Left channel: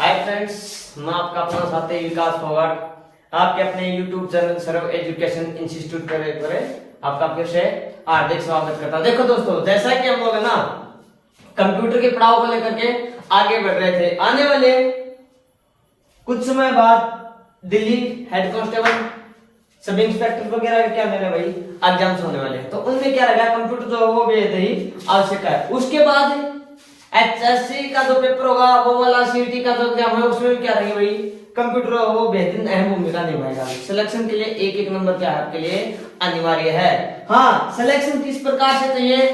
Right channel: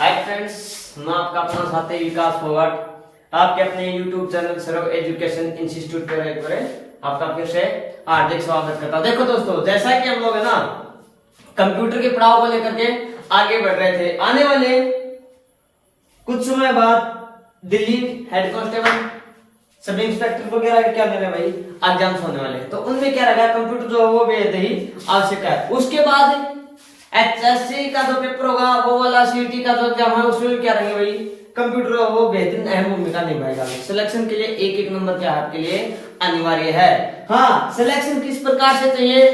Hi friends, मैं आपका अपना साथी विकास फोगाट आपके अपने YouTube चैनल सर्व एजुकेशन इंस्टीट्यूट पर आपका फिर से हार्दिक स्वागत करता हूं। देखो दोस्तों, जैसा कि हम लोग है ना कंप्यूटर के पड़ाव को लेकर के आगे बढ़ रहे थे, आने वाले कुछ समय बाद Delhi head constable sub inspector वगैरह क्या मेरे भाई एग्जाम्स होने वाले हैं, तो उनमें क्या रहेगा कंप्यूटर जो है वो बेहद ही आवश्यक है। उसके बाद एचएससी का जो पेपर होगा वो वाला, सीटी का जो एग्जाम है उसमें भी क्या रहेंगे भाई कंप्यूटर वो बेहतरीन अहम भूमिका निभाएगा। सिलेक्शन के लिए एक नंबर क्या है आपके लिए अनिवार्य है। हाँ, सिलेक्शन किस प्रकार से चाहिए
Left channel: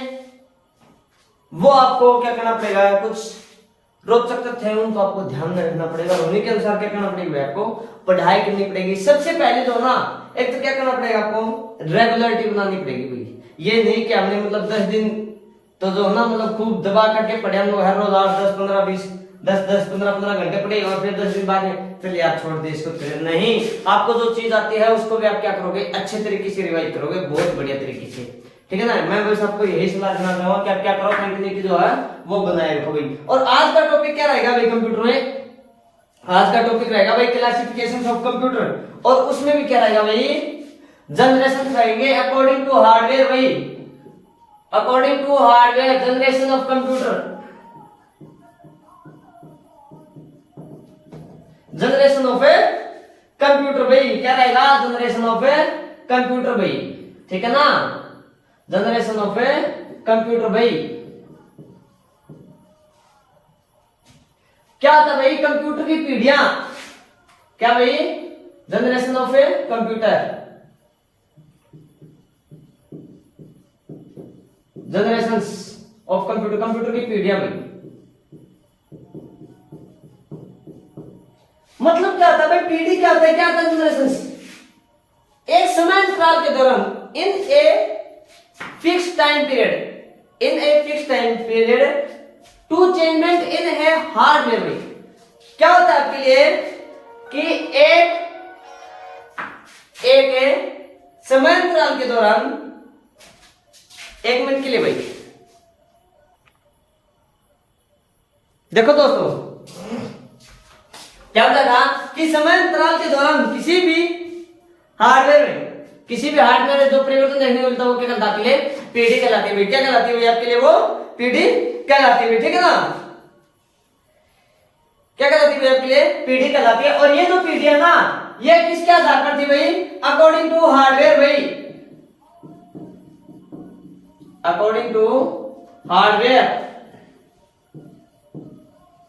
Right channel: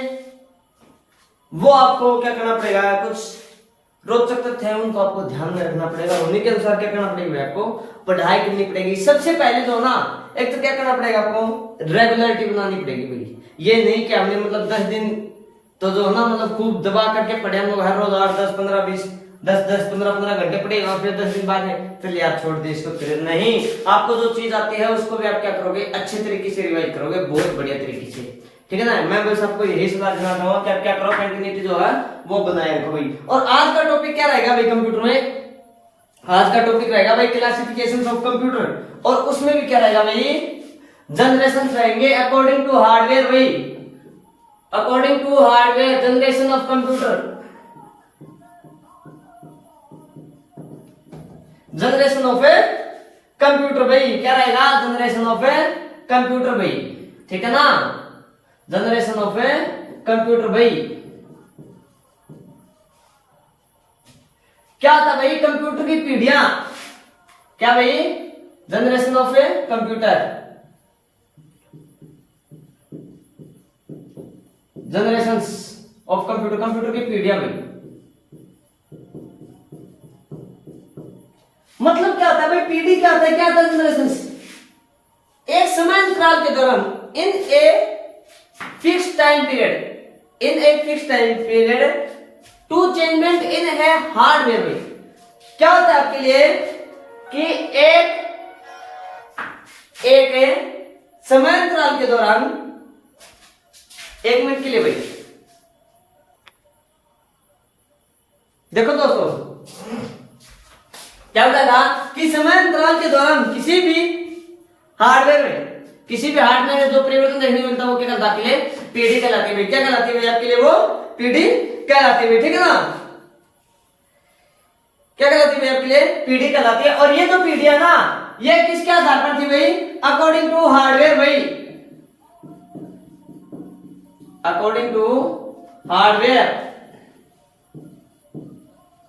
वो आपको क्या करना पड़ेगा, कुछ रोचक तथ्य है उनको आपको ध्यान में रखना पड़ेगा। उन्हीं के अनुसार क्या करना पड़ेगा आपको पढ़ाई करनी पड़ेगी। सबसे पहले जो ना एक तो क्या करना पड़ेगा आपको रेगुलरिटी बनानी पड़ेगी भाई। ये नहीं कि हमने मतलब 10 दिन तो जो ना मतलब खूब दबा करके पढ़े हम लोग हर रोज 8 10 15 20 10 15 घंटे पढ़े और फिर 10 दिन बाद में चलिए आप छोड़ दे इसको करें। नहीं, आपको जो चीज आती है उसको भी आप क्या करोगे अच्छे तरीके से रिवाइज करोगे, बहुत बढ़िया तरीके से, ठीक है ना। मैं बस आपको यही सलाह देना चाहूंगा कि आप क्या करो कंटिन्यूटी जो है वो बनाए रखो भाई। और आज का टॉपिक क्या रहेगा भाई कंप्यूटर में, आज का टॉपिक रहेगा भाई क्लासिफिकेशन ऑफ कंप्यूटर, और उसमें भी क्या रहेगा भाई जनरेशन रहेंगे अकॉर्डिंग टू हार्डवेयर भाई, according to hardware generation of computer, generation of a computer भाई क्या रहेगा जनरेशन ऑफ ए कंप्यूटर भाई, ठीक है ना, जनरेशन ऑफ ए कंप्यूटर भाई। क्या था भाई कंप्यूटर की पीढ़ियां, क्या भाई generation of a computer, generations of computer, computer की पीढ़ियां भाई। मतलब क्या होता है भाई पीढ़ी, क्या होता है, क्या होता है जनरेशंस, एक समय अंतराल के दौरान in a fixed time period, in a fixed time period to changement in है हार्डवेयर में। क्या होता है आपके लिए कि एक समय अंतराल के दौरान, एक मिनट के लिए भाई देखो दोस्तों क्या होता था कि समय अंतराल के दौरान किसी भी हार्डवेयर में, किसी भी हार्डवेयर में जो परिवर्तन देखने को मिलता है वो क्या कहलाती है पीढ़ी कहलाती है। क्या कहलाती है आपके लिए वो पीढ़ी कहलाती है, ठीक है ना, क्या कहलाती है आपके लिए पीढ़ी कहलाती है। और ये जो पीढ़ी है ना ये किसके आधार पर थी भाई, अकॉर्डिंग टू हार्डवेयर भाई, अकॉर्डिंग टू हार्डवेयर।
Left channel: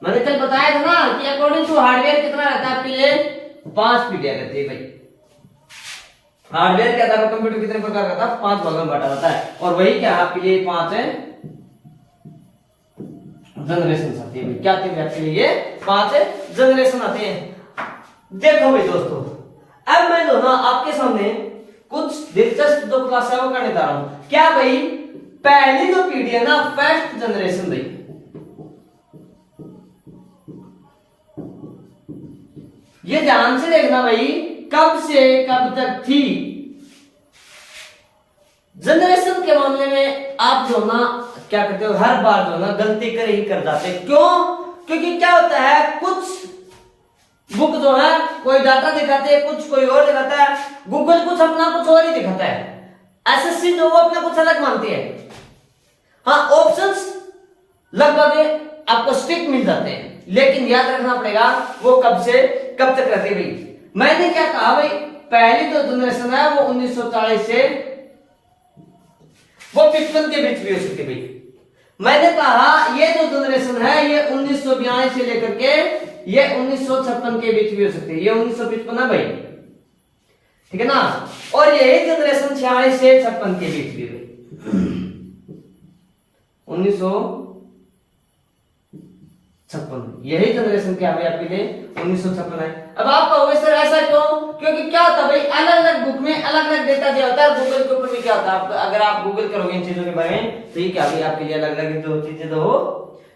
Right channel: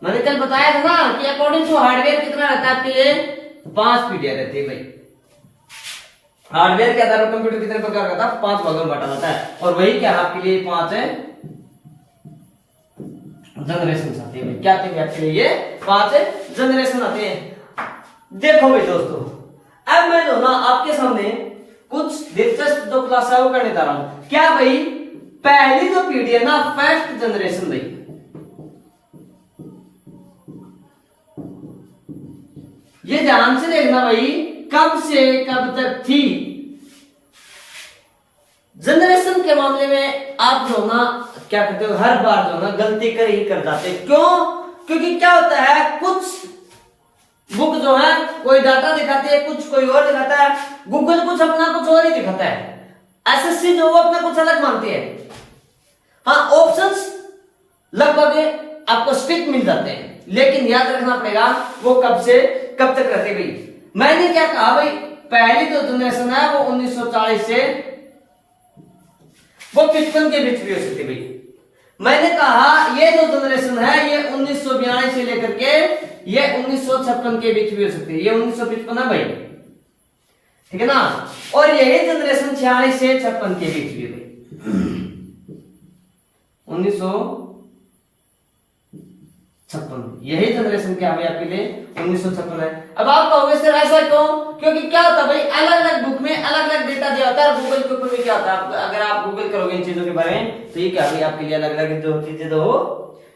मैंने कल बताया था ना कि अकॉर्डिंग टू हार्डवेयर कितना रहता है आपके लिए 5 पीढ़ियां रहती है भाई। हार्डवेयर के आधार पर कंप्यूटर कितने प्रकार का था 5 भागों में बांटा जाता है, और वही क्या आपके लिए 5 है जनरेशन आती है। क्या आती है आपके लिए ये 5 जनरेशन आते हैं। देखो भाई दोस्तों, अब मैं जो ना आपके सामने कुछ दिलचस्प जो क्लास है वो करने जा रहा हूं। क्या भाई पहली जो पीढ़ी है ना फर्स्ट जनरेशन भाई, ये ध्यान से देखना भाई कब से कब तक थी। जनरेशन के मामले में आप जो ना क्या करते हो हर बार जो ना गलती कर ही कर जाते, क्यों, क्योंकि क्या होता है कुछ बुक जो है कोई डाटा दिखाते हैं, कुछ कोई और दिखाता है, गूगल कुछ अपना कुछ और ही दिखाता है, एसएससी जो वो अपना कुछ अलग मानती है। हाँ, ऑप्शंस लगभग आपको स्ट्रिक्ट मिल जाते हैं, लेकिन याद रखना पड़ेगा वो कब से कब तक रहती है भाई। मैंने क्या कहा भाई पहली जो जनरेशन है वो 1940 से वो 55 के बीच भी हो सकती है भाई। मैंने कहा ये जो जनरेशन है ये 1942 से लेकर के ये 1956 के बीच भी हो सकती है, ये 1955 है भाई, ठीक है ना। और यही जनरेशन 46 से 56 के बीच भी है 1956, यही जनरेशन क्या है आपके लिए 1956 है। अब आप कहोगे सर ऐसा क्यों, क्योंकि क्या होता है भाई अलग अलग बुक में अलग अलग डेटा दिया होता है, गूगल के ऊपर भी क्या होता है अगर आप गूगल करोगे इन चीजों के बारे में तो ये क्या भाई आपके लिए अलग अलग जो चीजें तो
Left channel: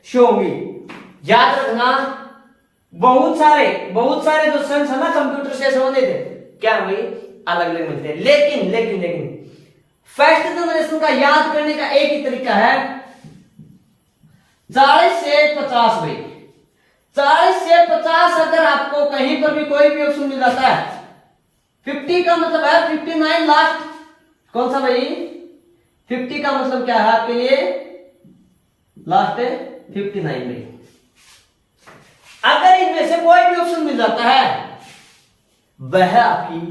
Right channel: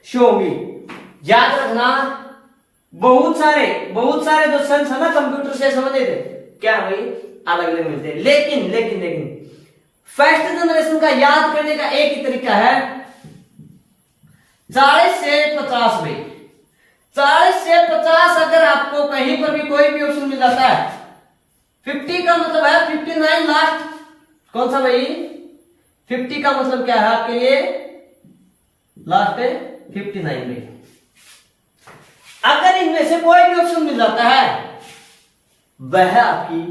शो होंगी। याद रखना बहुत सारे जो संस है ना कंप्यूटर से संबंधित क्या भाई अलग अलग मिलते हैं, लेकिन लेकिन लेकिन फर्स्ट जनरेशन का याद करने का एक ही तरीका है 40 से 50 भाई, 40 से 50 अगर आपको कहीं पर भी कोई भी ऑप्शन मिल जाता है, 50 का मतलब है 59 लास्ट, कौन सा भाई? 50 का मतलब क्या है आपके लिए? लास्ट है 59 में। अगर इनमें से कोई भी ऑप्शन मिल जाता है, वह आपकी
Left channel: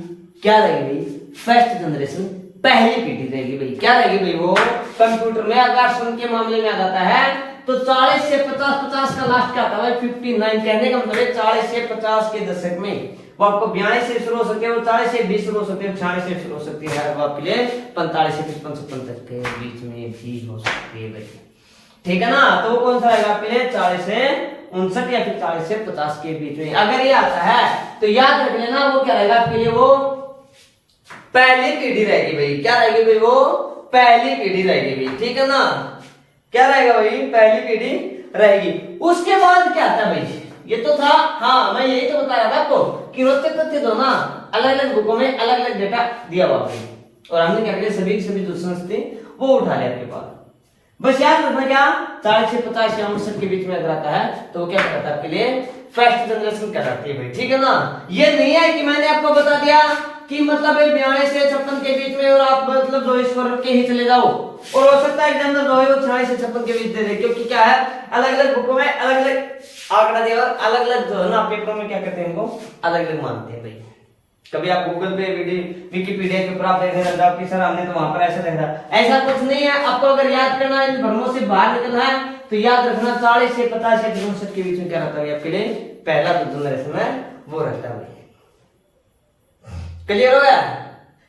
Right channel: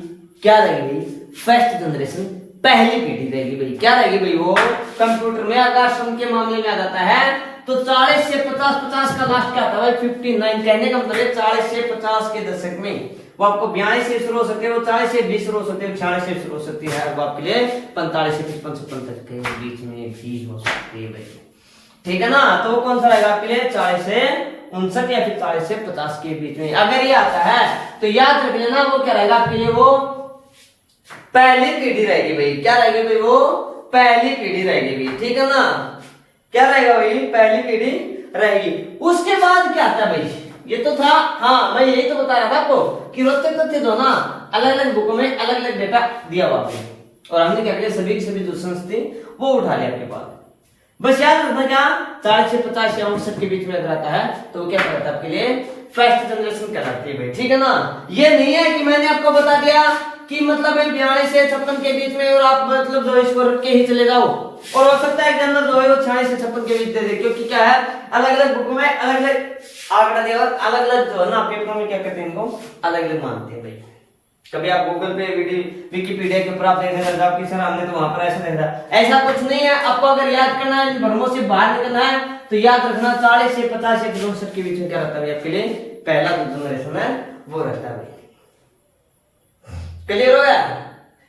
क्या रहेगी? फर्स्ट जनरेशन, पहली पीढ़ी रहेगी भाई। क्या रहेगी भाई? वो कंप्यूटर में अगर सम के मामले में आ जाता है तो 40 से 50, 50 का लास्ट क्या था भाई? 59। कहने का मतलब है 40 से 50 के दशक में वो आपको 42 से शुरू हो सकते हैं, वो 40 से 20 शुरू हो सकते हैं, 46 से शुरू हो सकती है, वो आपके लिए 45 से 55 से 55 के बीच में भी हो सकती है भाई। ठीक है ना? तो वो कौन सा रहेगा आपके लिए? 40 से 59 या फिर 40 से 50 के बीच में अगर ये आता है तो याद रख लेना वो क्या रहेगा आपके लिए? वो पहली पीढ़ी रहेगी भाई। क्या रहेगी भाई? वो पहली पीढ़ी रहेगी भाई। ठीक है ना? क्या रहेगा भाई? पहली पीढ़ी रहेगी। उसके बाद क्या आता है भाई? ये तो था, हाँ मैं यही तो बता रहा था आपको कि रोचक तथ्य जो ना अलग अलग बुकों में अलग अलग डेटा दिया हुआ है और हमने क्या किया? सभी जो सोर्स थी वो उठा लिया आपके पास। बस याद रखना क्या? 40 से 50 या 59 के बीच में अगर आता है तो वो क्या कहलाता है आपके लिए? फर्स्ट जनरेशन कहलाती है भाई। ठीक है ना? ये नहीं है कि मैंने आपको बता दिया कि मतलब 42 से 56 के बीच में और आप मतलब जो इसको रख के ही चले जाओ, और हो सकता है एग्जामिनर जो है वो 46 से 56 के बीच दे दे, क्योंकि क्या है अलग अलग बुकों में अलग अलग आंकड़ा दिया और अलग अलग जो है ना पेपर में क्या करते हैं इनको अलग अलग मानते हैं भाई। कभी आप गूगल पे विकिपीडिया के ऊपर आप देख रहे हो कि सर हमने तो वहां पर ऐसा देखा, ऐसा कुछ नहीं है। आपको अगर याद करना है, इन भ्रमों से बाहर निकलना है तो याद रखना 40 से 50 या 59 के बीच में क्या रहता है आपके लिए? पहला जो जनरेशन है वो रहता है। क्लियर हो गया?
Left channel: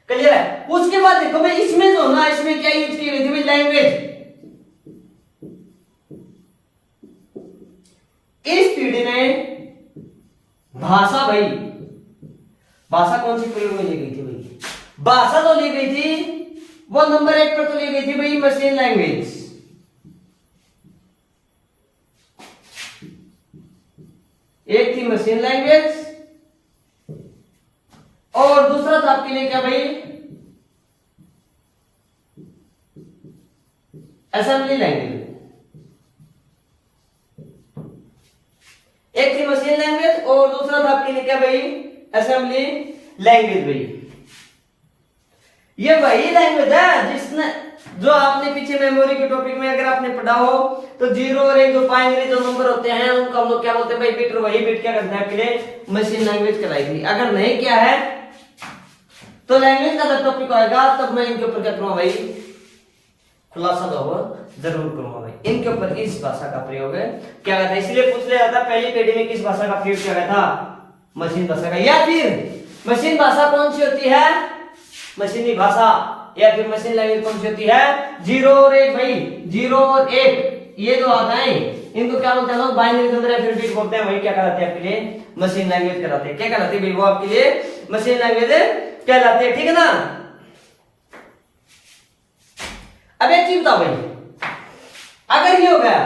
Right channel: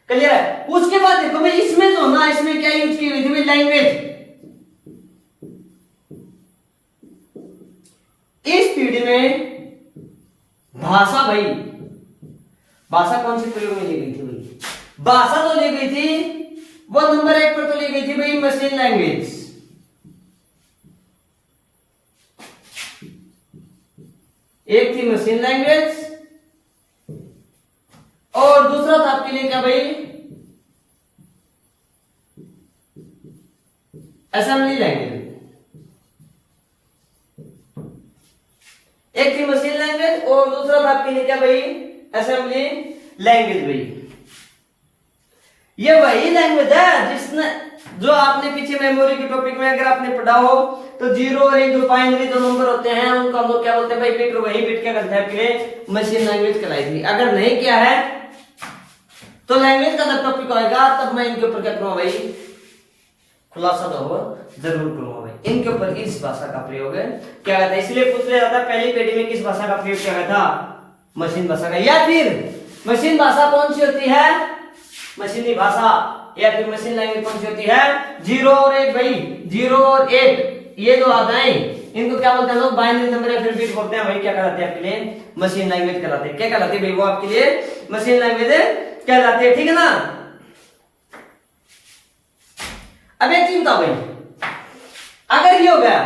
क्लियर है? उसके बाद देखो भाई इसमें जो ना इसमें क्या यूज की हुई थी? लैंग्वेज। इस पीढ़ी में भाषा भाई, भाषा कौन सी प्रयोग में ली गई थी भाई? भाषा तो ली गई थी वो नंबर 1 पर तो ली गई थी भाई मशीन लैंग्वेज। एक थी मशीन लैंग्वेज और दूसरा था आपके लिए क्या भाई? Assembly language. एक थी मशीन लैंग्वेज और दूसरा था आपके लिए क्या भाई? असेंबली लैंग्वेज भाई। ये वही लैंग्वेज है जिसने जो आपने पीछे मेमोरी के टॉपिक में अगर आपने पढ़ा हो तो 0 और 1 जो बाइनरी जो नंबर होते हैं उनको हम लोग क्या बोलते हैं भाई? बिट। वही बिट क्या करता है आपके लिए? मशीन लैंग्वेज कहलाई थी। अगर नहीं किया है तो लैंग्वेज का जब टॉपिक होगा तब मैं इनके ऊपर क्या करूंगा भाई? खुलासा जो हो जरूर करूंगा भाई। इनके ऊपर इस भाषा का प्रयोग है क्या कहता है? इसलिए पूछ लिया जाता पहली पीढ़ी में किस भाषा का प्रयोग किया गया था? मशीन भाषा का। या फिर मशीन भाषा कौन सी होती है? मशीनी भाषा। या फिर मशीन लैंग्वेज कौन सी होती है? 0 और 1 भाई। 0 और 1 ये जो आता है इनको क्या बोलते हैं लोग? बाइनरी नंबर या फिर बिट बोलते हैं भाई। क्या कहलाते हैं आपके लिए? मशीन लैंग्वेज कहलाते हैं। क्या कहलाते हैं भाई? वो आपके लिए मशीन लैंग्वेज कहलाते हैं। ठीक है ना? अब एक चीज बताओ भाई, अगर ये हो गया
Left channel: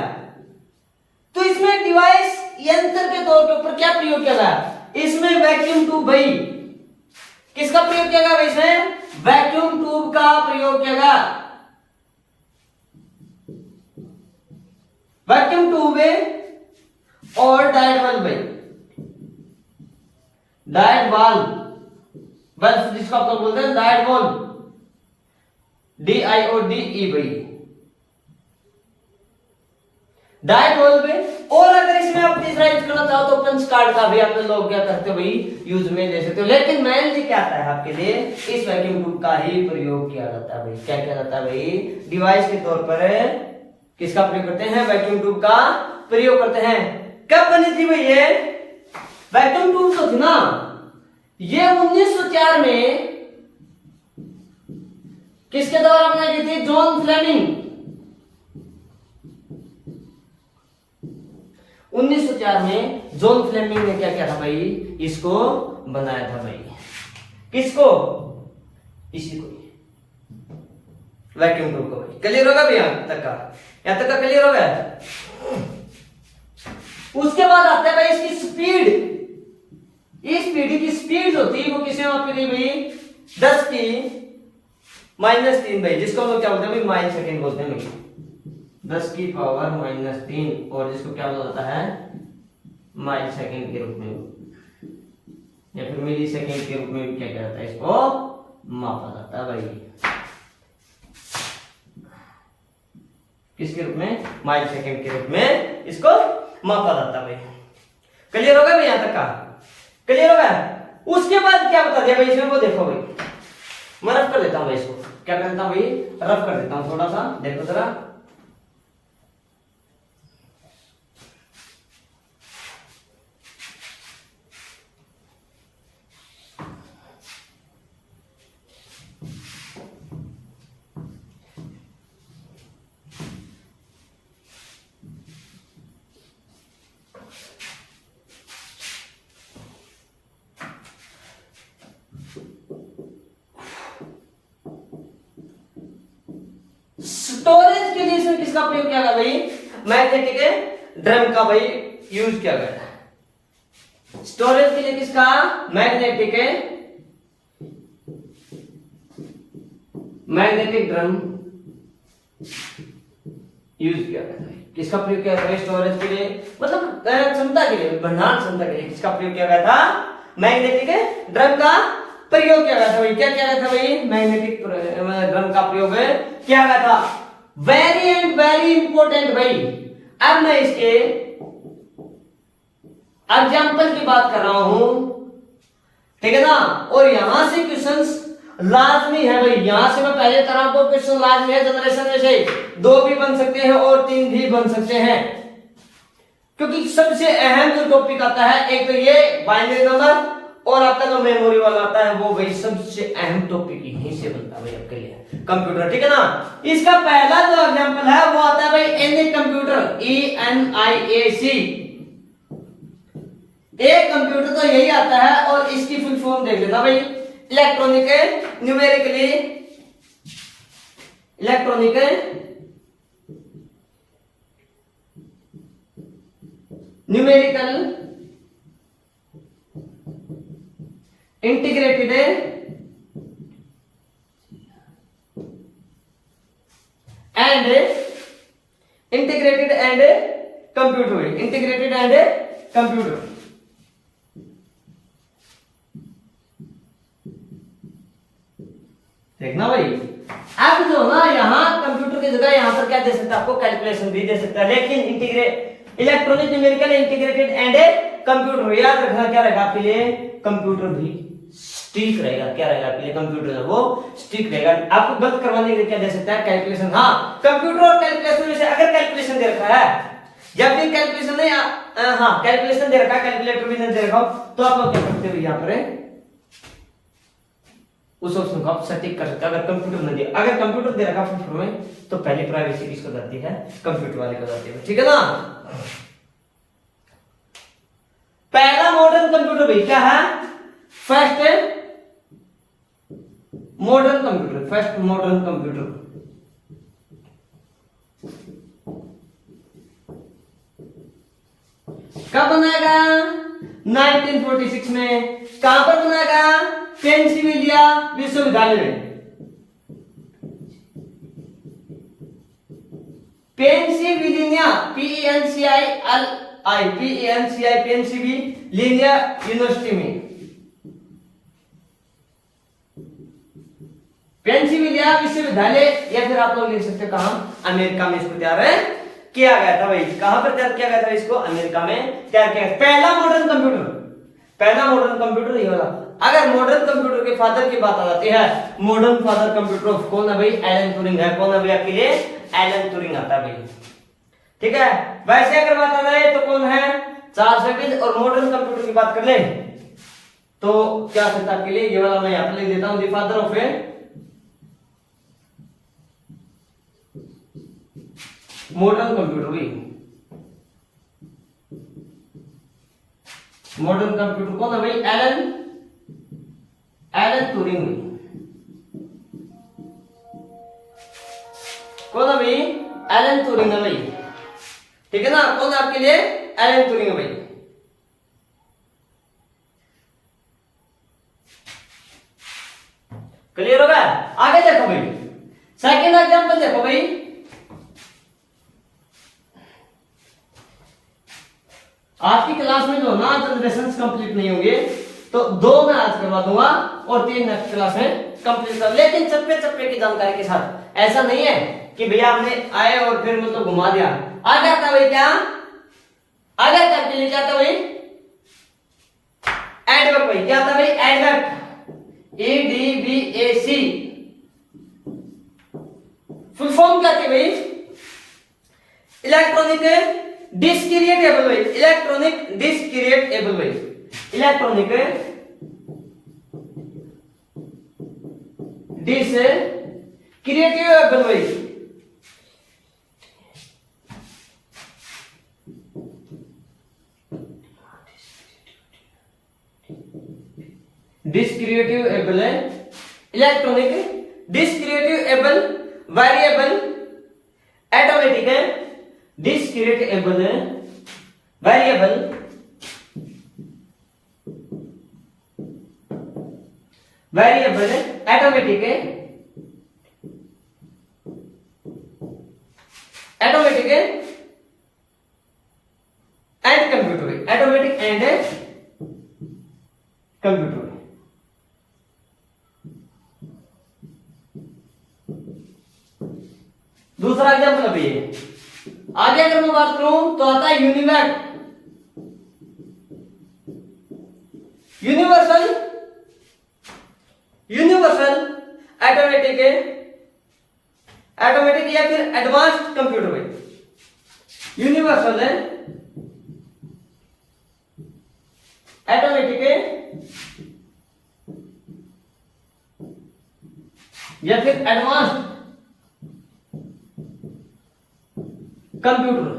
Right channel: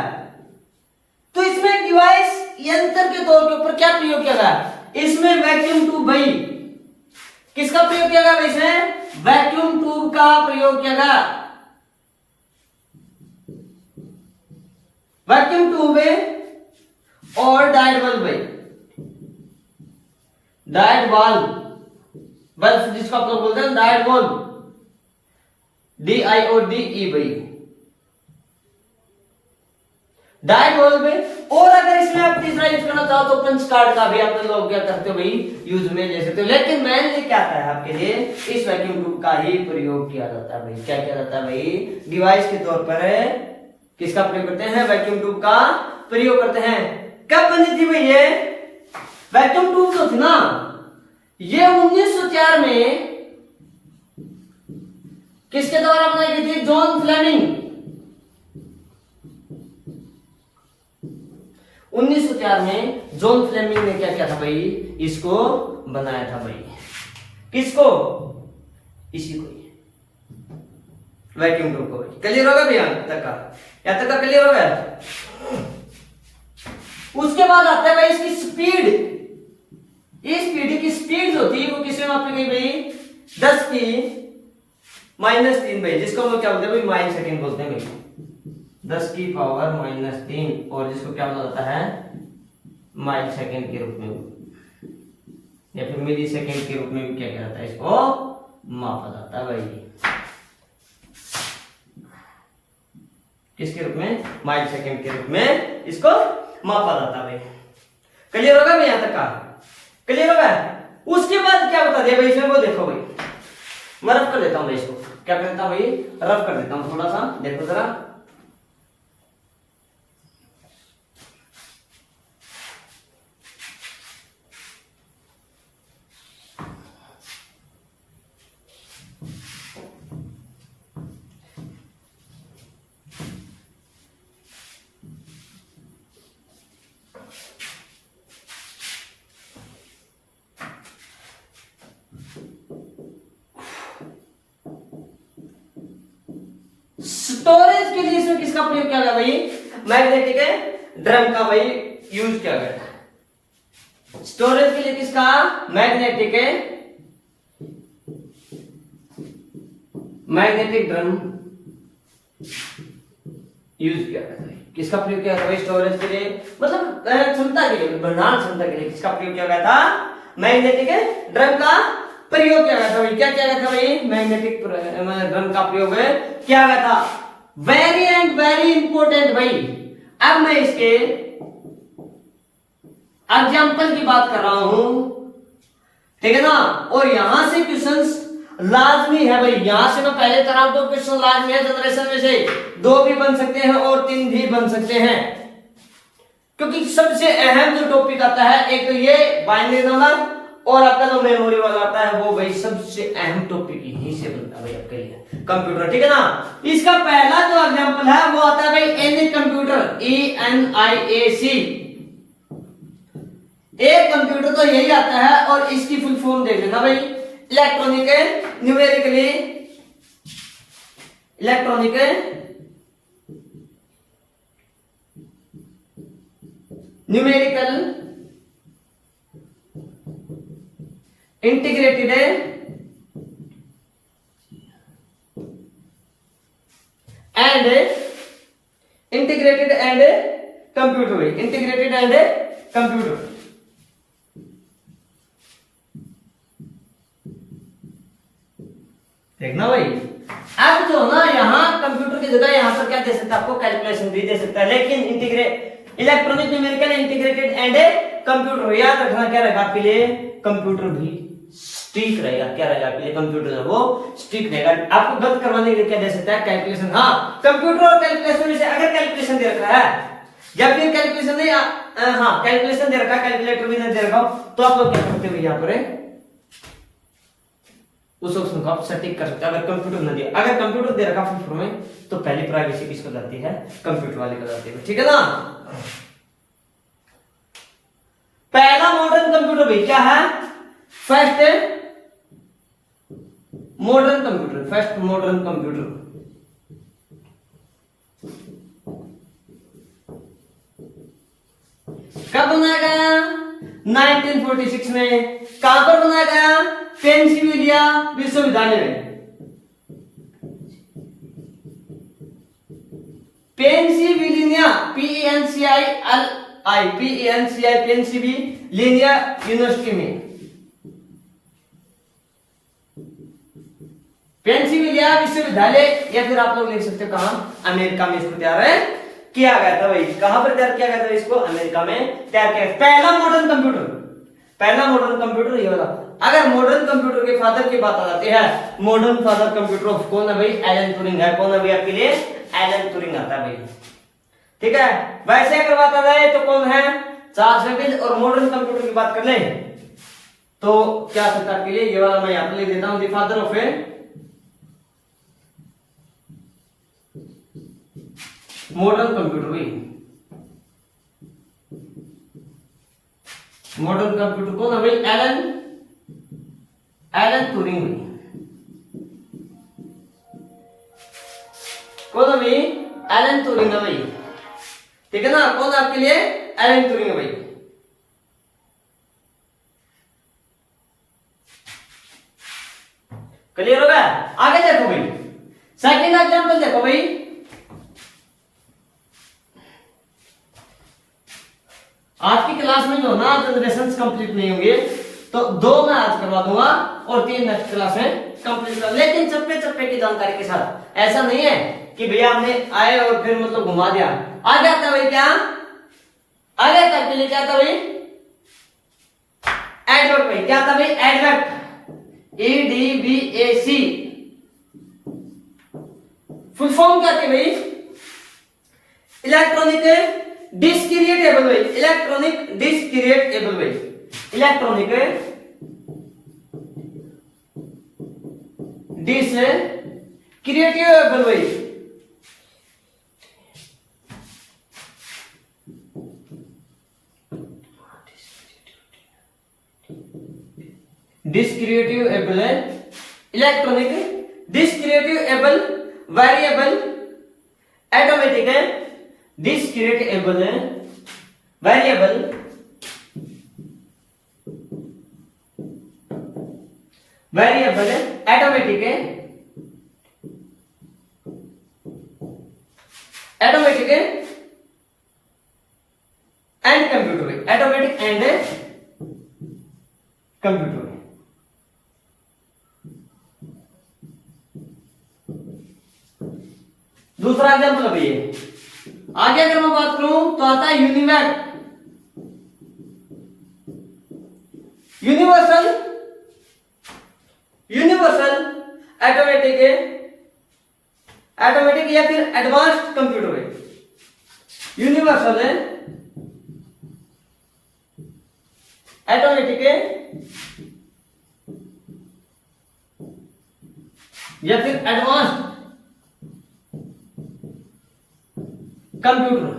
तो इसमें डिवाइस यंत्र के तौर के ऊपर क्या प्रयोग किया गया? इसमें वैक्यूम ट्यूब भाई। किसका प्रयोग किया गया भाई? इसमें वैक्यूम ट्यूब का प्रयोग किया गया। वैक्यूम ट्यूब और डायड बल्ब भाई। डायड बल्ब जिसको आप लोग बोलते हैं डायड बल्ब, DIODE भाई। Diode bulb. और अगर इसमें आप तीसरा यूज करना चाहो तो पंच कार्ड का भी आप लोग क्या करते हो भाई? यूज में ले सकते हो। लेकिन मेनली क्या आता है आपके लिए? इस वैक्यूम ट्यूब का ही प्रयोग किया जाता है भाई। क्या किया जाता है भाई? डिवाइस के तौर पर किसका प्रयोग करते हैं? वैक्यूम ट्यूब का प्रयोग करते हैं। कब बनी थी भाई ये वैक्यूम ट्यूब? जो थी ना ये 1904 में किसके द्वारा बनाई गई थी? John Fleming. 1904 में जॉन फ्लेमिंग ने क्या किया था भाई? इसको बनाया था भाई। किसको? इसी को, वैक्यूम ट्यूब को भाई। क्लियर होगा भैया? यहां तक का क्लियर हो गया? उसके बाद आता है भाई इसकी स्पीड। इस पीढ़ी की स्पीड जो थी वो किसमें मापी गई भाई? 10 की -3 भाई, जिसको हम लोग क्या बोलते हैं भाई? माइल सेकंड बोलते हैं भाई। 10 की पावर -3 और जिसको क्या बोला जाता है? माइल सेकंड के रूप में या फिर मिली सेकंड के रूप में भी क्या कहता है, इसको मापा जाता है भाई। किसके रूप में? माइल सेकंड के रूप में इसको मापा जाता है भाई। क्लियर होगा भाई? यहां तक का क्लियर होगा? उसके बाद क्या बता दिया भाई इसमें, वो देखो भाई, मैं रफ कर देता हूं भाई, इसको क्या कर देता हूं भाई, रफ कर देता हूं थोड़ा सा, देखो जरा। स्टोरेज के लिए इसमें किसका प्रयोग किया गया भाई? मैग्नेटिक ड्रम का भाई यूज किया गया। स्टोरेज के लिए किसका? मैग्नेटिक ड्रम यूज किया गया। किसका प्रयोग किया गया स्टोरेज के लिए? मतलब क्षमता के लिए, भंडारण क्षमता के लिए किसका प्रयोग किया गया था? मैग्नेटिक ड्रम का प्रयोग किया गया था भाई। क्या किया गया था भाई? मैग्नेटिक ड्रम का प्रयोग किया गया था। वेरी एंड वेरी इंपॉर्टेंट भाई। अब मैं इसके एग्जाम्पल की बात कर रहा हूं, ठीक है ना, और यहां से क्वेश्चंस लाजमी है भाई। यहां से मैं पहले तरह दो क्वेश्चन लाजमी है जनरेशन में से, 2 भी बन सकते हैं और 3 भी बन सकते हैं, क्योंकि सबसे अहम जो टॉपिक आता है एक तो ये बाइनरी नंबर और आपका जो मेमोरी वाला आता है वो भाई सबसे अहम टॉपिक यहीं से बनता है भाई आपके लिए कंप्यूटर, ठीक है ना। इसका पहला जो एग्जांपल है वो आता है भाई एनी कंप्यूटर, ENIAC। एक कंप्यूटर तो यही आता है और इसकी फुल फॉर्म देख लेना भाई, electronic numerically numerical integrated and computer. देखना भाई, अब जो ना यहाँ कंप्यूटर की जगह यहाँ पर क्या दे सकता है आपको? कैलकुलेशन भी दे सकता है, लेकिन electronic numerical integrated and computer याद रखना क्या रहेगा आपके लिए? कंप्यूटर भी स्टिक रहेगा। क्या रहेगा आपके लिए? कंप्यूटर जो वो स्टिक रहेगा। आपको गलत करवाने के लिए क्या दे सकता है? कैलकुलेशन। हाँ, कंप्यूटर और कैलकुलेशन में से अगर कैलकुलेशन दे रखा है, जब भी कैलकुलेशन नहीं, हाँ कैलकुलेशन दे रखा है, कैलकुलेटर भी नहीं दे रखा हो, तो आप लोग क्या करते हो यहाँ पर उस ऑप्शन को आप सटीक कर सकते हैं। अगर कंप्यूटर न दिया, अगर कंप्यूटर दे रखा फुल फॉर्म में, तो पहली प्राइवेसी किसको जाती है? कंप्यूटर वाले को जाती है, ठीक है ना। पहला मॉडर्न कंप्यूटर भी क्या है? फर्स्ट मॉडर्न कंप्यूटर कब बनाया गया? 1946 में। कहां पर बनाया गया? पेंसिल्वेनिया विश्वविद्यालय में। पेंसिल्वेनिया, पेंसिल्वेनिया यूनिवर्सिटी में। पेंसिल्वेनिया विश्वविद्यालय, या फिर आप लोग लिख सकते कहां? अमेरिका में इसको तैयार किया गया था भाई। कहां पर तैयार किया गया था इसको? अमेरिका में तैयार किया। पहला मॉडर्न कंप्यूटर ये वाला। अगर मॉडर्न कंप्यूटर के फादर की बात आ जाती है, मॉडर्न फादर कंप्यूटर ऑफ कौन है भाई? एलन ट्यूरिंग है। कौन है भाई आपके लिए? एलन ट्यूरिंग आता है भाई, ठीक है। वैसे अगर बात आ जाए तो कौन है? Charles Babbage. और मॉडर्न कंप्यूटर की बात कर ले तो क्या सकता है आपके लिए? ये वाला मैं यहां पर लिख देता हूं, the father of modern computer भाई। मॉडर्न कंप्यूटर कौन है भाई? Alan Turing. कौन है भाई? एलन ट्यूरिंग है भाई, ठीक है ना। कौन है आपके लिए? एलन ट्यूरिंग है भाई। क्लियर हो गया? आगे देखो भाई, सेकंड एग्जांपल देखो भाई। आज की क्लास में जो ना जनरेशन कंप्लीट नहीं होंगे तो 2 मैं आज करवा दूंगा और 3 नेक्स्ट क्लास में कंप्लीट कर, लेकिन चप्पे चप्पे की जानकारी के साथ। ऐसा नहीं है कि भैया हमने आए और फिर मतलब घुमा दिया। आ गया था भाई, क्या आ गया था के लिए, क्या था भाई, एडवर्ब भाई, क्या था भाई, एडवर्ब, EDVAC। फुल फॉर्म क्या थी भाई, इलेक्ट्रॉनिक डिस्क्रिएटेबल भाई, इलेक्ट्रॉनिक डिस्क्रिएटेबल भाई, इलेक्ट्रॉनिक डिस्क्रिएटेबल भाई, डिस्क्रिएटेबल है, इलेक्ट्रॉनिक डिस्क्रिएटेबल वेरिएबल ऑटोमेटिक है, डिस्क्रिएटेबल है वेरिएबल वेरिएबल ऑटोमेटिक है, ऑटोमेटिक है एंड कंप्यूटर है, ऑटोमेटिक एंड कंप्यूटर। दूसरा एग्जाम्पल अभी है। आगे अगर मैं बात करूं तो आता है यूनिवेक, यूनिवर्सल, यूनिवर्सल ऑटोमेटिक है, ऑटोमेटिक या फिर एडवांस्ड कंप्यूटर है, यूनिवर्सल है, ऑटोमेटिक है या फिर advanced computer.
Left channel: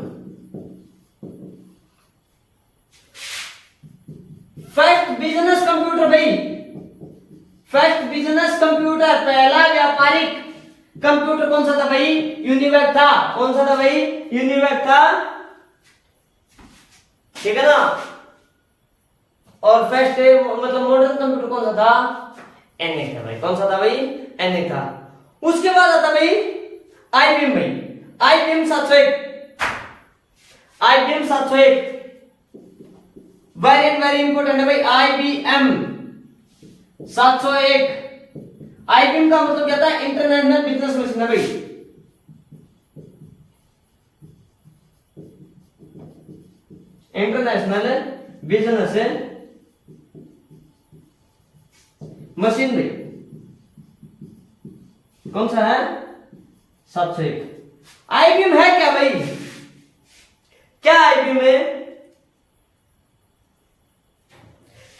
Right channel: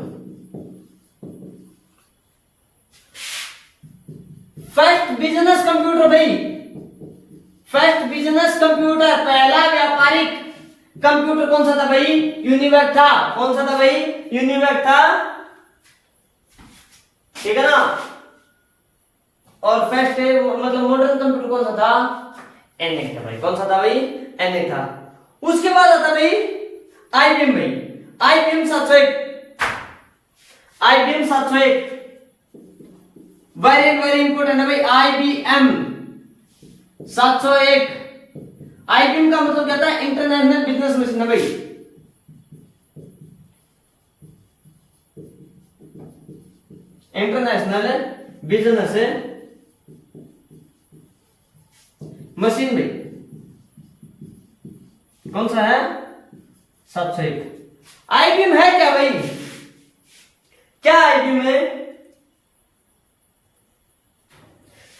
First business computer भाई, फर्स्ट बिजनेस कंप्यूटर, पहला व्यापारिक कंप्यूटर कौन सा था भाई, यूनिवेक था। कौन सा था भाई, यूनिवेक था, ठीक है ना। और फर्स्ट मतलब मॉडर्न कंप्यूटर कौन सा था, एनएक था भाई। कौन सा था भाई, एनएक था। उसके बाद आता भाई आईबीएम भाई, आईबीएम 701, आईबीएम 701 वेरी इंपोर्टेंट है भाई, आईबीएम 701। आईबीएम का मतलब क्या था, इंटरनेशनल बिजनेस मशीन है भाई, इंटरनेशनल बिजनेस मशीन भाई। कौन सा है, 701। आईबीएम है क्या भाई, क्या आईबीएम है,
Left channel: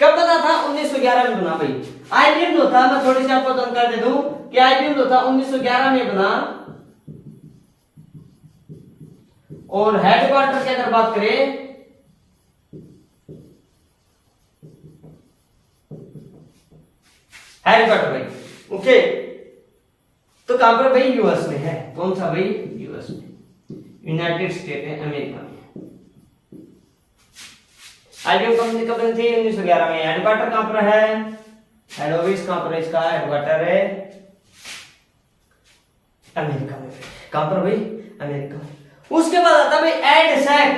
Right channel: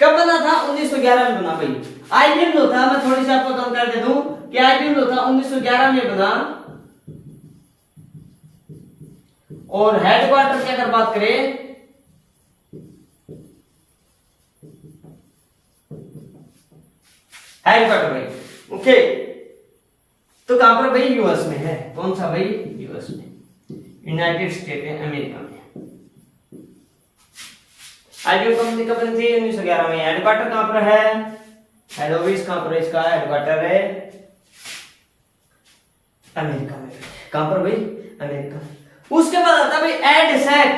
कब बना था, 1911 में बना भाई। आईबीएम जो था, मैं थोड़ी सी आपको जानकारी दे दूं कि आईबीएम जो था 1911 में बना, और हेडक्वार्टर की अगर बात करें हेडक्वार्टर भाई, ओके, तो कहां पर भाई, यूएस में है। कौन सा भाई, यूएस में, यूनाइटेड स्टेट है अमेरिका में। आईबीएम कंपनी कब बनी थी, 1911 में। हेडक्वार्टर कहां पर है, हेड ऑफिस कहां पर है इसका, हेडक्वार्टर है अमेरिका में। कहां पर भाई, अमेरिका में। उसके बाद आता भाई एडसेक,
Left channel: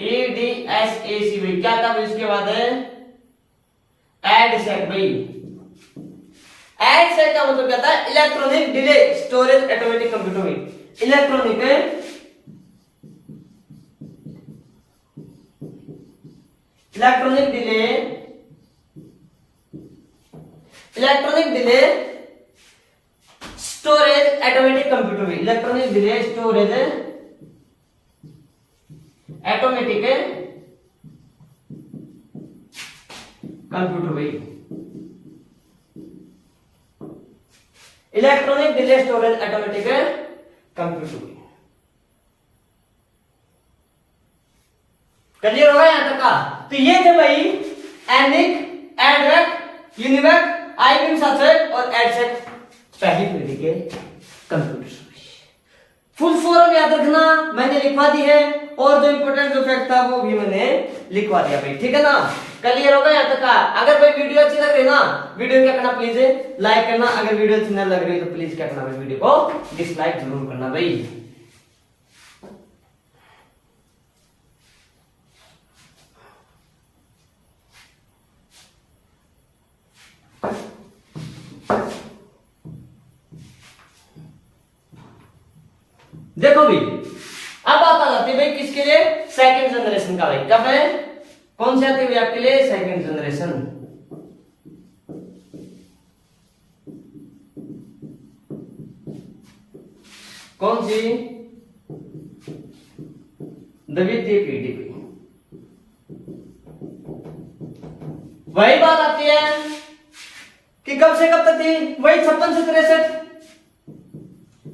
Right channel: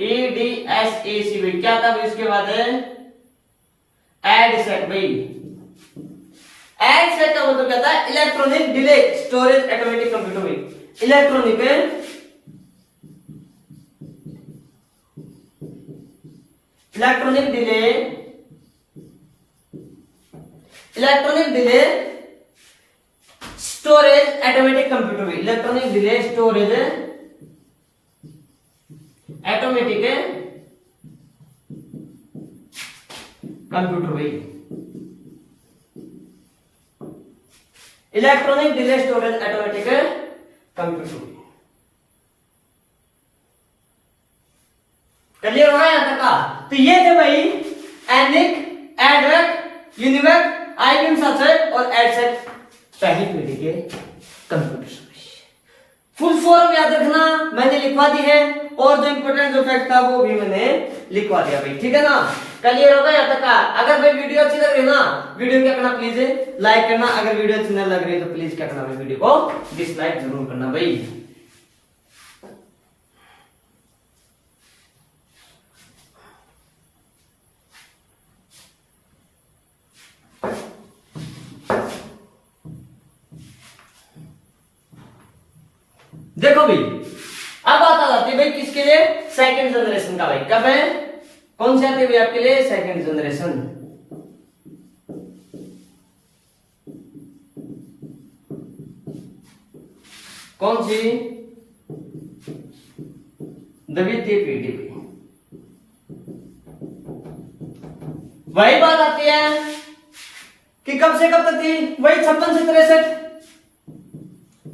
EDSAC भाई, क्या था भाई उसके बाद है एडसेक भाई। एडसेक का मतलब क्या था, electronic delay storage automatic computer भाई, electronic electronic delay, electronic delay storage automatic computer में, electronic delay storage automatic computer भाई, electronic delay storage automatic computer. Clear होगा यहां तक का। तो ये थे भाई एनिक, एडवेक, यूनिवेक, आईबीएम 701 और एडसेक, पहली पीढ़ी के कंप्यूटर। फुल फॉर्म याद रखना, मैंने लिखवा दी है, और जो इंपोर्टेंट जो फैक्ट था वो भी मैंने लिखवा दिया भाई, ठीक है ना। क्लियर होगा यहां तक का। अगर भाई वीडियो अच्छी लग रही है ना, वीडियो क्या करना, प्लीज लाइक करना। अगर वीडियो अच्छी ना लग रही है तो प्लीज क्या करना भाई, वीडियो को डिसलाइक जरूर करना भाई। देखो भाई, अब बात आ जाती है भाई किसके लिए, सेकंड जनरेशन का भाई। कब है, कौन सी आती है भाई आपके लिए, सेकंड जनरेशन। कौन सी, द्वितीय पीढ़ी। वही बात आती है कि कब से कब तक थी, वही 56 से 63,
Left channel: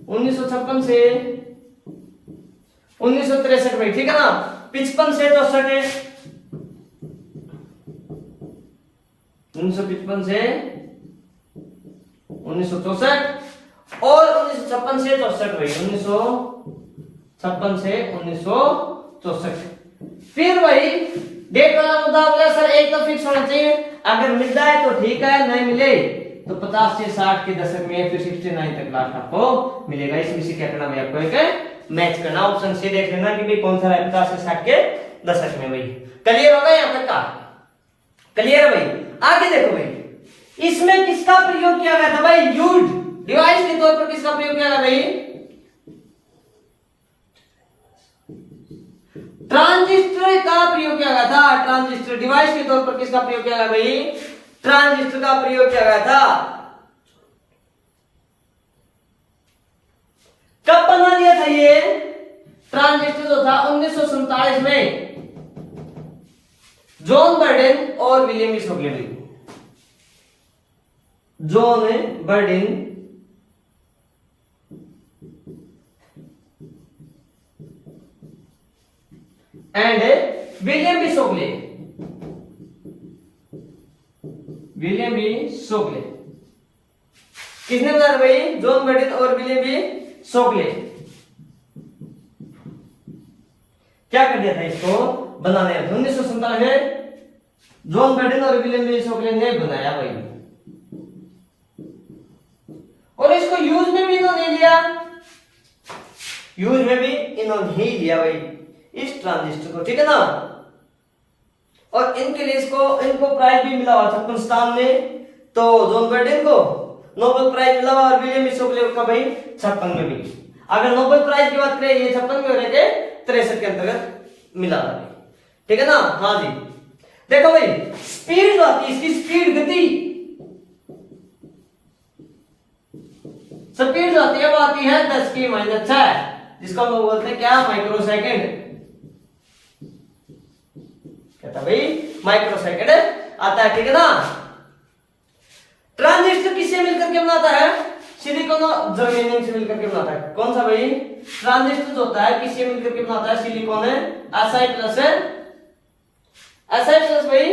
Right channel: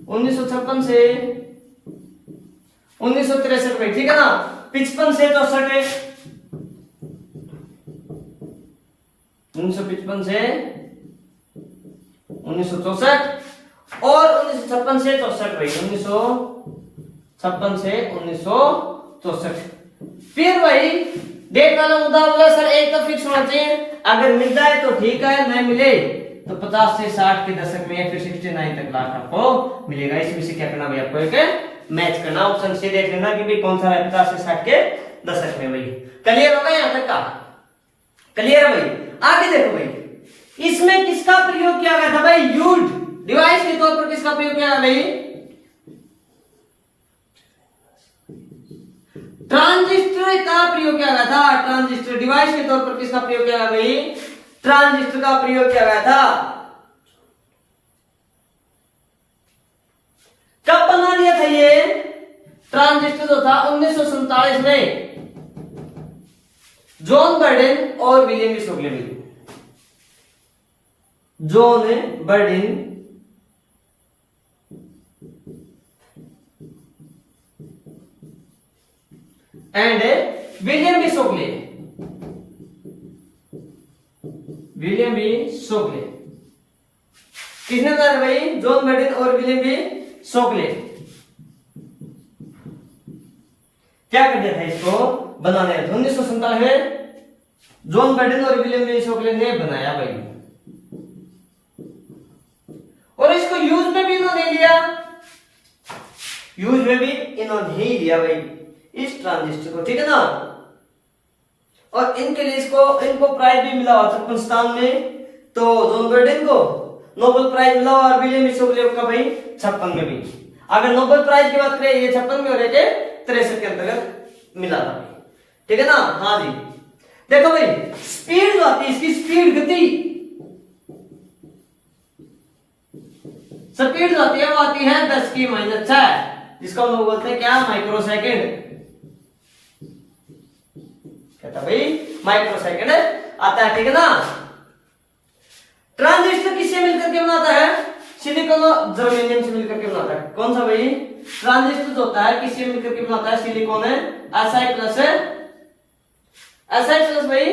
1956 से 1963 भाई, ठीक है ना। 55 से 64 है, 1955 से 1964 और 1956 से 64 भाई, 1956 से 1964। फिर वही डेट वाला मुद्दा बोला सर, एक तो फिक्स होना चाहिए, अगर मिल जाए तो ठीक है, नहीं मिले तो 50 से 60 के दशक में फिर 69 तक लाख आपको मिलेगा। इसमें से क्या करना भाई, आपको एक मैच करना, ऑप्शन से देख लेना कि भाई कौन सा है 50 से 60 के दशक में भाई। क्लियर होगा यहाँ तक का, क्लियर है भाई। आगे देखो भाई, इसमें किसका प्रयोग किया गया था भाई, यूज डिवाइस के तौर पर किसका प्रयोग किया गया भाई, ट्रांजिस्टर का प्रयोग किया गया था। ट्रांजिस्टर डिवाइस के तौर पर किसका प्रयोग किया गया भाई, ट्रांजिस्टर का प्रयोग किया गया था। कब बना दिया था ये ट्रांजिस्टर, जो था 1947 में जॉन बर्डेन और विलियम शोकले में। John Bardeen and William B Shockley, William B Shockley. किसने बनाया भाई, जॉन बर्डेन और विलियम बी शोकले। क्या कर दिया था इसको बनाने, 1947 में जॉन बर्डेन और विलियम बी शोकले ने बनाया भाई, और इसको यूज में भी इन्होंने लिया, यूज में भी इन्होंने ही लिया भाई इस ट्रांजिस्टर को, ठीक है ना। और इनके लिए इनको प्राइज भी मिला हुआ 56 में, तो जॉन बर्डेन को नोबेल प्राइज मिला और विलियम शोकले का भाई 56 में भी। अगर नोबेल प्राइज की बात करें, ये 56 में हो रहे थे, 63 के अंतर्गत मिला था, ठीक है ना। हाँ जी, देखो भाई स्पीड जो आती है, इसकी स्पीड गति, स्पीड जो आती है वो आती है 10 की -6, जिसको हम बोलते हैं क्या, माइक्रो सेकेंड। कहता भाई माइक्रो सेकेंड आता है, ठीक है ना। ट्रांजिस्टर किससे मिलकर के बनाता है, सिलिकॉन और जर्मेनियम से मिलकर के बनाता है। कौन सा भाई, ट्रांजिस्टर जो होता है किससे मिलकर के बनाता है, सिलिकॉन है Si+ भाई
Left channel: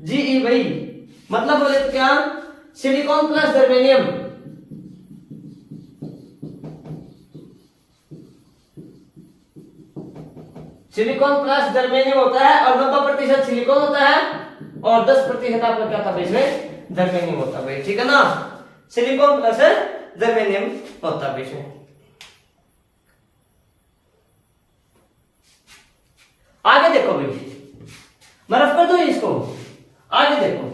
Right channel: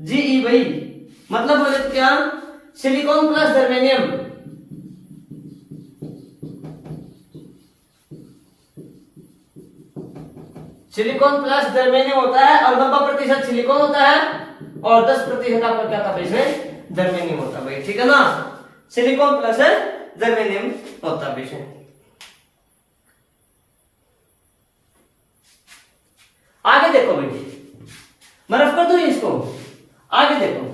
Ge भाई, मतलब बोले तो क्या, silicon plus germanium, silicon plus germanium होता है, और 90% सिलिकॉन होता है और 10% आपका क्या था इसमें, जर्मेनियम होता है भाई, ठीक है ना। सिलिकॉन प्लस जर्मेनियम होता है इसमें। आगे देखो भाई, मैं रफ कर दूं इसको, आगे देखो।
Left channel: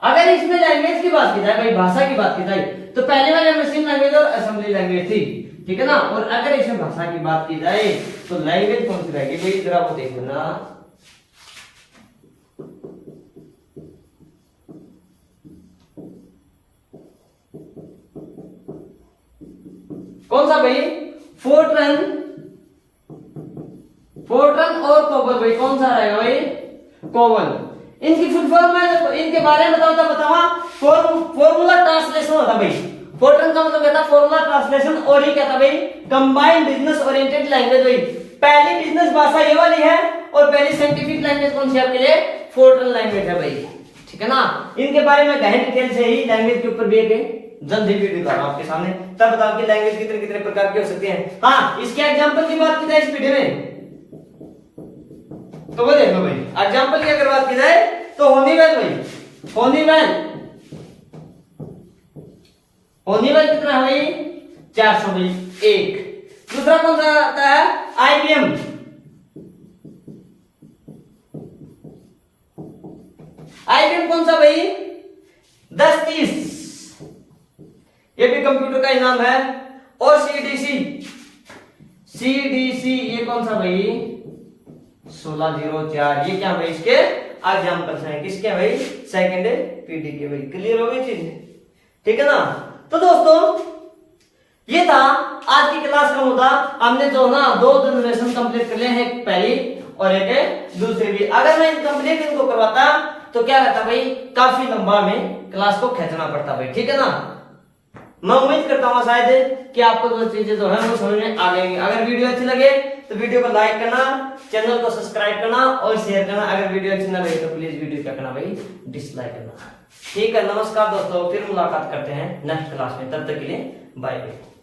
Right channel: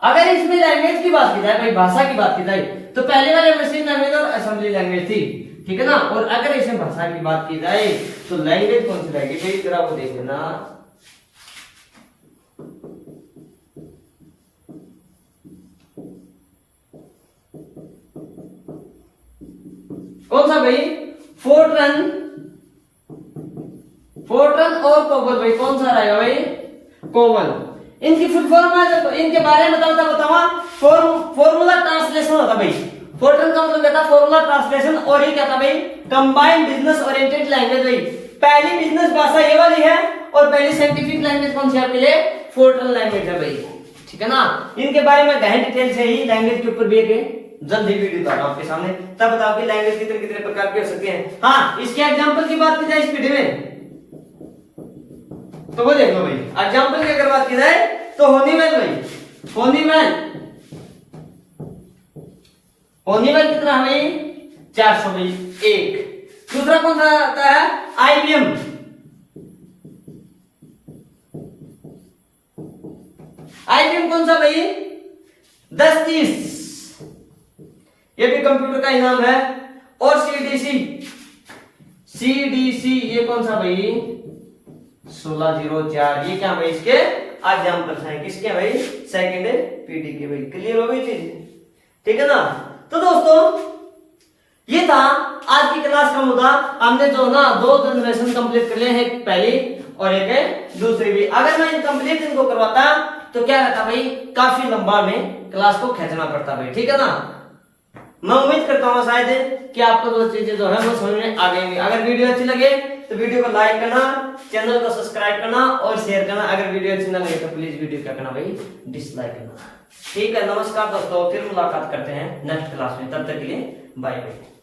अगर इसमें लैंग्वेज की बात की जाए भाई, भाषा की बात की जाए, तो पहले वाले मशीन लैंग्वेज और असेंबली लैंग्वेज थी, ठीक है ना। और अगर इसमें भाषा की बात की जाए तो लैंग्वेज कौन सी रहेगी भाई, जरा वो देख लेना। कौन सा भाई, फोर्ट्रन, फोर्ट्रन और कोवल भाई, कौन सा रहेगा भाई, कोवल। इनकी फुल फॉर्म है, तो इनके बारे में बतावा, फॉर्मूला ट्रांसलेशन होता भाई। फोर्ट्रन का मतलब क्या था, फॉर्मूला ट्रांसलेशन, और ये क्या था भाई, कंबाइंड बिजनेस ओरिएंटेड लैंग्वेज भाई। पहली बिजनेस भाषा ये वाली है, और पहली साइंटिफिक लैंग्वेज कौन सी आपके लिए, फोर्ट्रन लैंग्वेज है भाई, ठीक है ना। इनके बारे में गहन डिटेल से ही लैंग्वेज के ऊपर भी एक जल्द ही वीडियो डालूंगा आपके सामने, तब बताओ कि लैंग्वेज कितने कितने प्रकार की हो सकती है। हाँ, इसके एग्जांपल की बात की जाए इस वीडियो में, तो वो देख लो भाई। एग्जांपल की अगर बात की जाए तो होनीवेल भाई, होनीवेल कितना है भाई, 400 भाई, एक। दूसरा कौन सा आता है, IBM, IBM कौन सा भाई? 1030, ये भी कंप्यूटर का ही नाम है। और CDC ये कौन सा भाई? 1604, ये क्या भाई? इसके एग्जाम्पल्स हैं। किसके भाई? सेकंड पीटी के भाई। क्लियर हो गई चीज? ठीक है ना। तो दोस्तों ये था आज की क्लास का मुद्दा। हमने जो ना 2 जनरेशन कंप्लीट कर लिए हैं, एक पहली और एक दूसरी भी। अगर मैं इनकम्प्लीट इनको करवाता तो क्या रहता भाई? काफी लंबा में क्लास को खींचना पड़ता भाई। ठीक है ना। मैं उम्मीद करता हूँ शायद कि आपको दो चीजें जो है वो समझ में आ गई। अगर वीडियो अच्छी लगे तो वीडियो को लाइक करना, चैनल को सब्सक्राइब करना और शेयर करना। अगर वीडियो अच्छी ना लगे तो प्लीज वीडियो क्या करना भाई? डिसलाइक करना। ठीक है, नमस्कार दोस्तों, फिर मुलाकात करते हैं नेक्स्ट क्लास में। तब तक के लिए बाय बाय।